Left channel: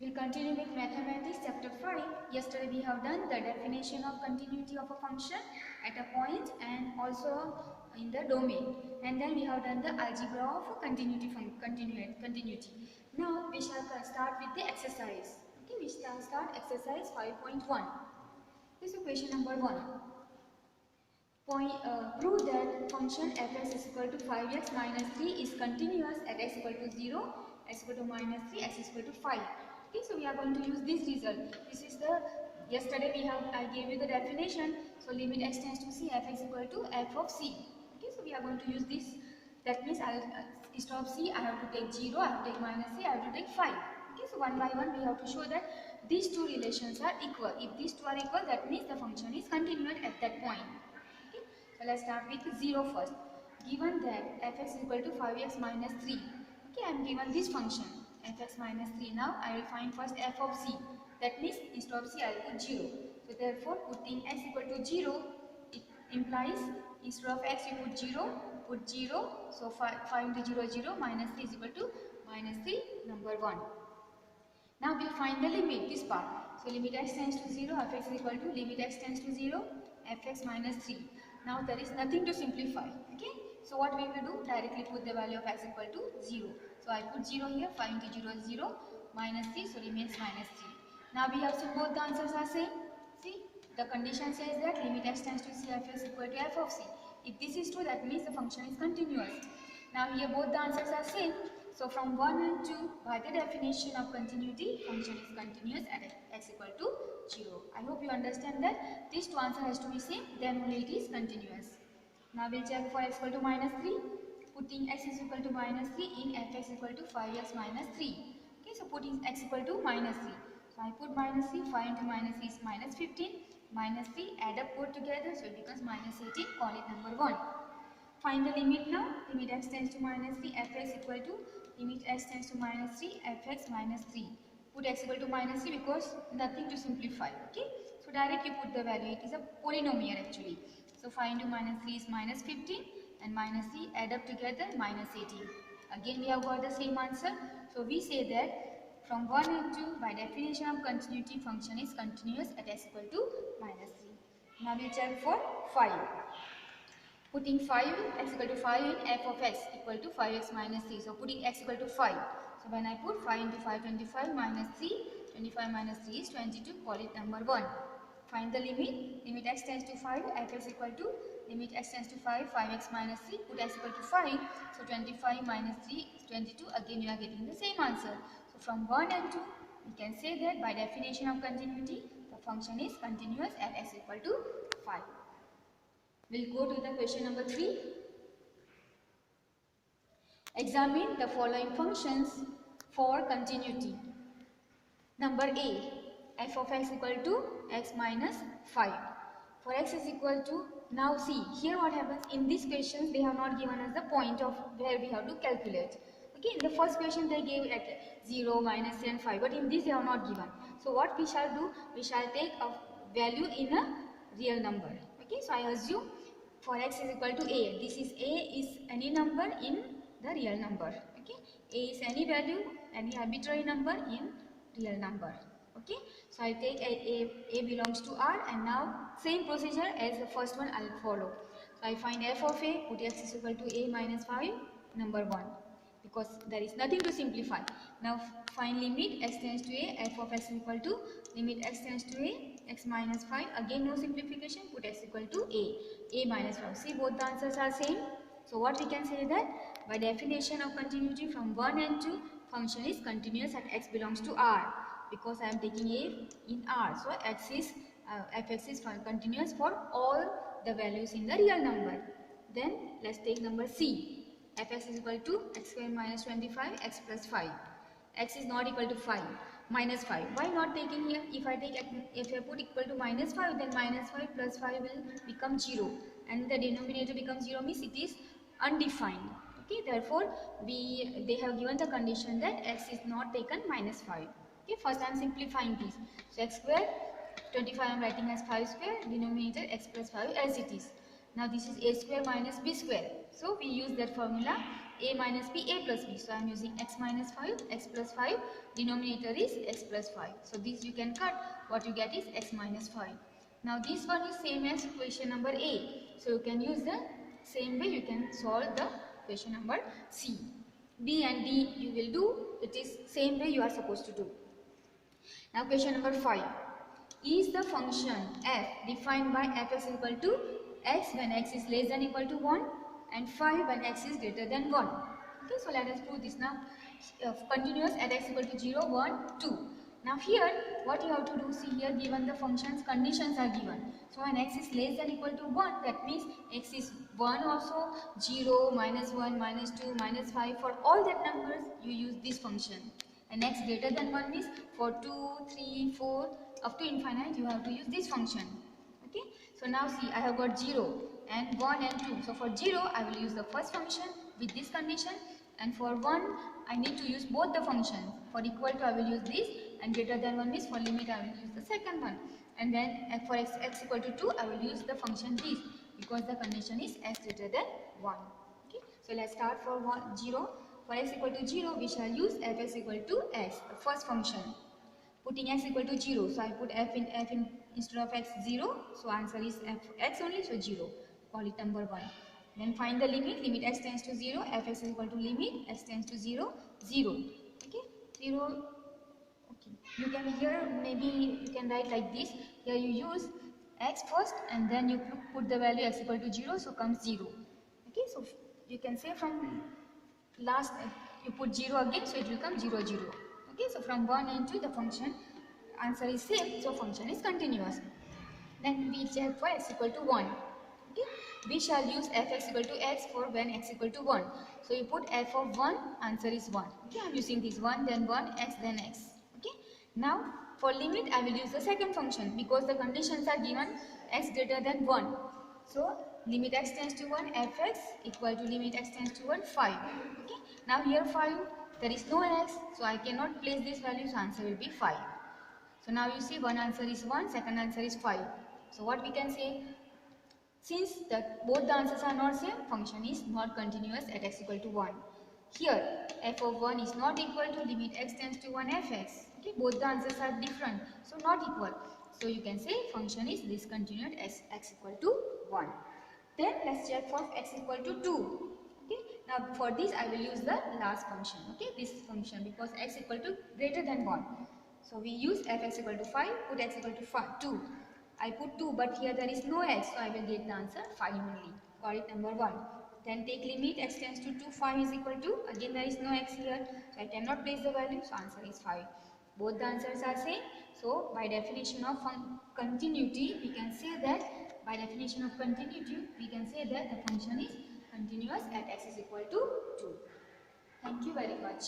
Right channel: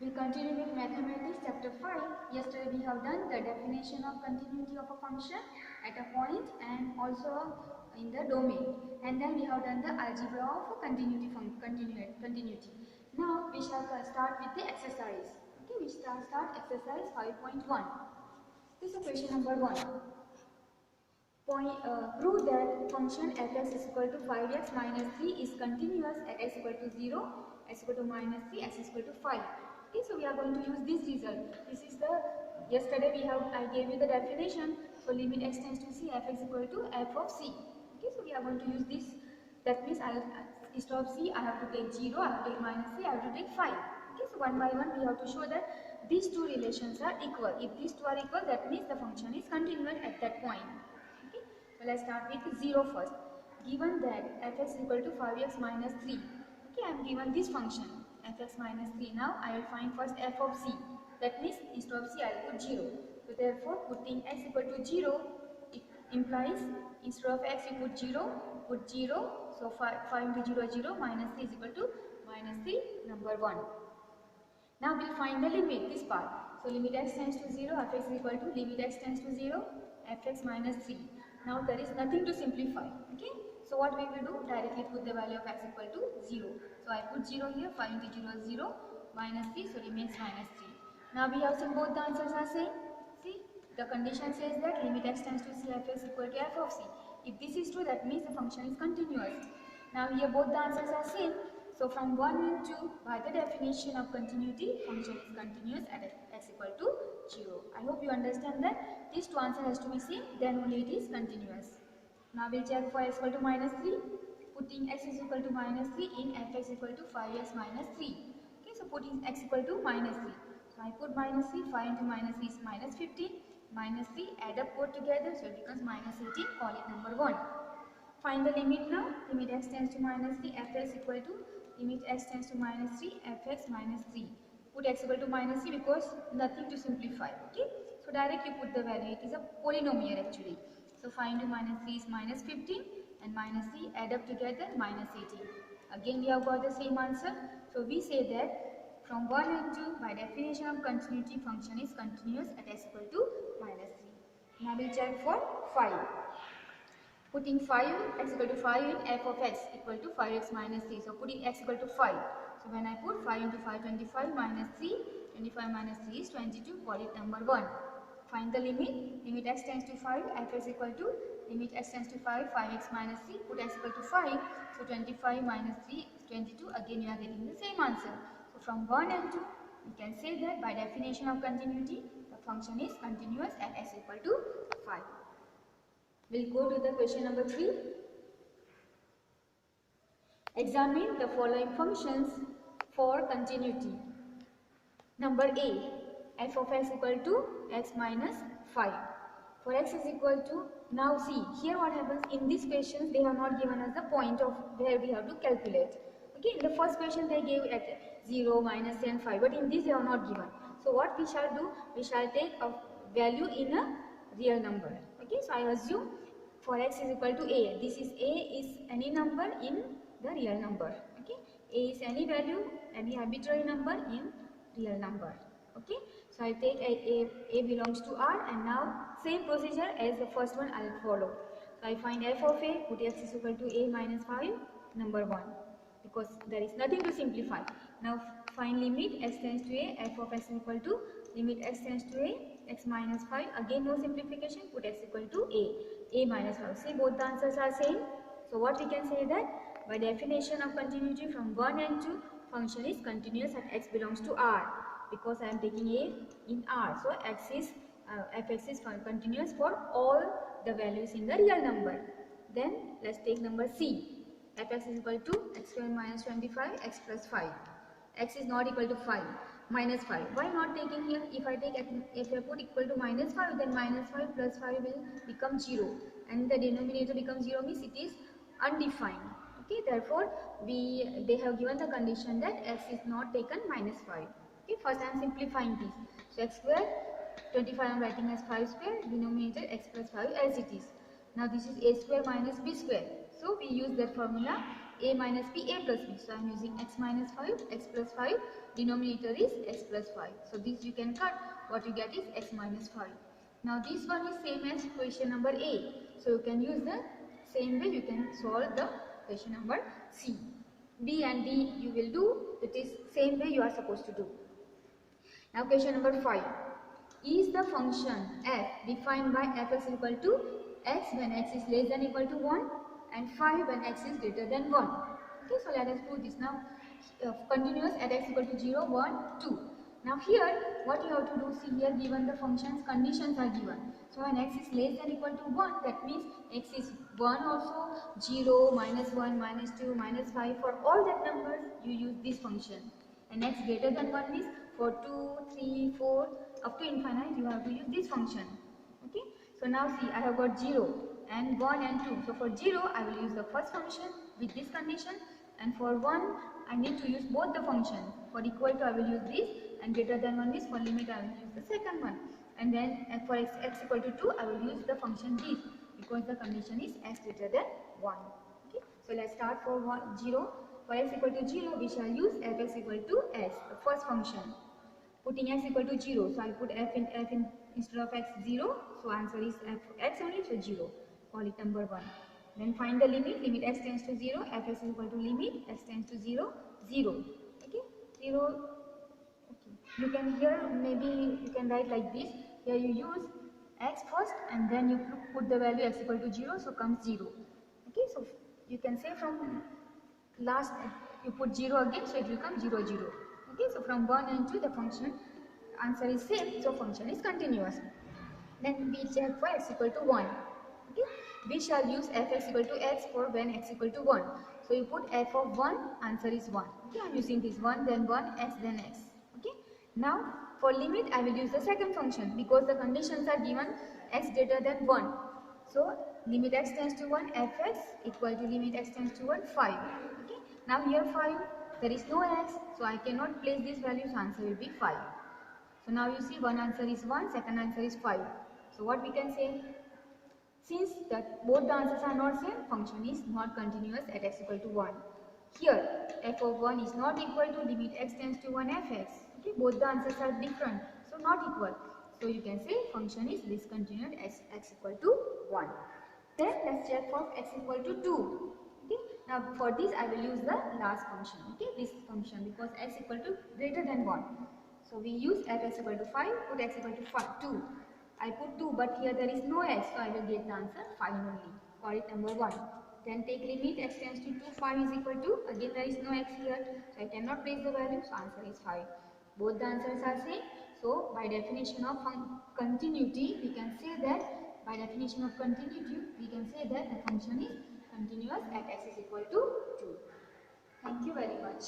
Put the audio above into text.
We'll continue with mathematics chapter 5. Yesterday we have done the definition of continuity of a function at a point and also in the domain. And then we have done the algebra of continuity. Now we shall start with the exercise. Okay, we shall start exercise 5.1. This is question number 1. Prove that function fx is equal to 5x minus 3 is continuous at x equal to 0, x equal to minus 3, x is equal to 5. Okay, so we are going to use this result. This is the, yesterday I gave you the definition. So limit x tends to c, fx equal to f of c. Okay, so we are going to use this. That means instead of c, I have to take 0, I have to take minus c, I have to take 5. Okay, so one by one we have to show that these two relations are equal. If these two are equal, that means the function is continuous at that point. So let's start with 0 first. Given that fx is equal to 5x minus 3. Okay, I am given this function fx minus 3. Now I will find first f of c. That means instead of c I will put 0. So therefore putting x equal to 0, it implies instead of x you put 0, put 0. So 5 into 0 is 0, minus 3 is equal to minus 3, number 1. Now we will find the limit, this part. So limit x tends to 0, fx is equal to limit x tends to 0, fx minus 3. Now there is nothing to simplify. Okay. So what we will do? Directly put the value of x equal to 0. So I put 0 here. 5 into 0 is 0. Minus 3. So remains minus 3. Now we have some, both the answers are same. See, the condition says that limit x tends to c, fx equal to f of c. If this is true, that means the function is continuous. Now here both the answers are same. So from 1 and 2, by the definition of continuity, function is continuous at x equal to 0. I hope you understand that these two answers has to be same, then only it is continuous. Now we'll check for x equal to minus 3. Putting x is equal to minus 3 in fx equal to 5x minus 3. Okay, so putting x equal to minus 3. So I put minus 3, 5 into minus 3 is minus 15. Minus 3, add up both together, so it becomes minus 18, call it number 1. Find the limit now. Limit x tends to minus 3, fx equal to limit x tends to minus 3, fx minus 3. Put x equal to minus 3 because nothing to simplify. Okay. So directly put the value. It is a polynomial actually. So 5 into minus 3 is minus 15 and minus 3 add up together minus 18. Again we have got the same answer. So we say that from 1 and 2 by definition of continuity function is continuous at x equal to minus 3. Now we will check for 5. Putting 5 x equal to 5 in f of x equal to 5x minus 3. So putting x equal to 5. So when I put 5 into 5, 25 minus 3, 25 minus 3 is 22, call it number 1. Find the limit. Limit x tends to 5, fx equal to limit x tends to 5, 5x minus 3, put x equal to 5. So 25 minus 3 is 22. Again you are getting the same answer. So from 1 and 2, we can say that by definition of continuity, the function is continuous at x equal to 5. We'll go to the question number 3. Examine the following functions for continuity. Number A, f of x equal to x minus 5. For x is equal to, now see, here what happens, in these questions they have not given us the point of where we have to calculate. Okay, in the first question they gave at 0, minus 3 and 5, but in this they have not given. So what we shall do, we shall take a value in a real number. Okay, so I assume for x is equal to a. This is a is any number in the real number. Okay, a is any value, any arbitrary number in real number. Okay, so I take a belongs to R, and now same procedure as the first one I will follow. So I find f of a, put x is equal to a minus 5, number 1, because there is nothing to simplify. Now find limit x tends to a, f of x is equal to limit x tends to a, x minus 5, again no simplification, put x equal to a minus 5. See, both the answers are same. So what we can say that by definition of continuity from 1 and 2, function is continuous at x belongs to R, because I am taking a in R. So fx is continuous for all the values in the real number. Then let's take number C. Fx is equal to x square minus 25, x plus 5. X is not equal to 5, minus 5. Why not taking here? If I put equal to minus 5, then minus 5 plus 5 will become 0, and the denominator becomes 0, means it is undefined. Okay, therefore they have given the condition that x is not taken minus 5. Okay, first I am simplifying this. So x square 25 I am writing as 5 square, denominator x plus 5 as it is. Now this is a square minus b square. So we use that formula. a minus b, a plus b. So I am using x minus 5, x plus 5, denominator is x plus 5. So this you can cut, what you get is x minus 5. Now this one is same as question number A. So you can use the same way you can solve the question number C. B and D you will do, it is same way you are supposed to do. Now question number 5. Is the function f defined by fx equal to x when x is less than equal to 1 and 5 when x is greater than 1. Okay, so let us prove this now. Continuous at x equal to 0, 1, 2. Now here what you have to do, see here given the functions conditions are given. So when x is less than equal to 1, that means x is 1 also, 0, minus 1, minus 2, minus 5, for all that numbers you use this function. And x greater than 1 means for 2, 3, 4 up to infinite you have to use this function. Okay, so now see I have got 0 and 1 and 2. So for 0 I will use the first function with this condition, and for 1 I need to use both the functions. For equal to I will use this, and greater than 1 means for limit I will use the second one, and then for x equal to 2 I will use the function this, because the condition is x greater than 1. Okay, so let's start for 0. For x equal to 0 we shall use fx equal to x, the first function. Putting x equal to 0, so I put f in instead of x 0, so answer is x only, so 0, call it number 1. Then find the limit, limit x tends to 0, fx is equal to limit x tends to 0, 0. Okay, 0. Okay, you can here maybe you can write like this. Here you use x first and then you put the value x equal to 0, so comes 0. Okay, so you can say from last you put 0 again, so it will come 0, 0. Okay, so from 1 and 2 the function answer is same, so function is continuous. Then we check for x equal to 1. Okay, we shall use fx equal to x for when x equal to 1. So you put f of 1, answer is 1. Okay, I am using this 1, then 1, x, then x. Okay, now for limit I will use the second function, because the conditions are given x greater than 1. So limit x tends to 1, fx equal to limit x tends to 1, 5. Okay, now here 5, there is no x, so I cannot place this value, so answer will be 5. So now you see one answer is 1, second answer is 5. So what we can say, since both the answers are not same, function is not continuous at x equal to 1. Here f of 1 is not equal to limit x tends to 1 fx. Okay, both the answers are different, so not equal. So you can say function is discontinued as x equal to 1. Then let's check for x equal to 2. Okay, now for this I will use the last function. Okay, this function, because x equal to greater than 1. So we use fx equal to 5, put x equal to 2. I put 2, but here there is no x, so I will get the answer 5 only. Call it number 1. Then take limit x tends to 2, 5 is equal to, again there is no x here, so I cannot place the value, so answer is 5. Both the answers are same, so by definition of continuity, we can say that, by definition of continuity, we can say that the function is continuous at x is equal to 2. Thank you very much.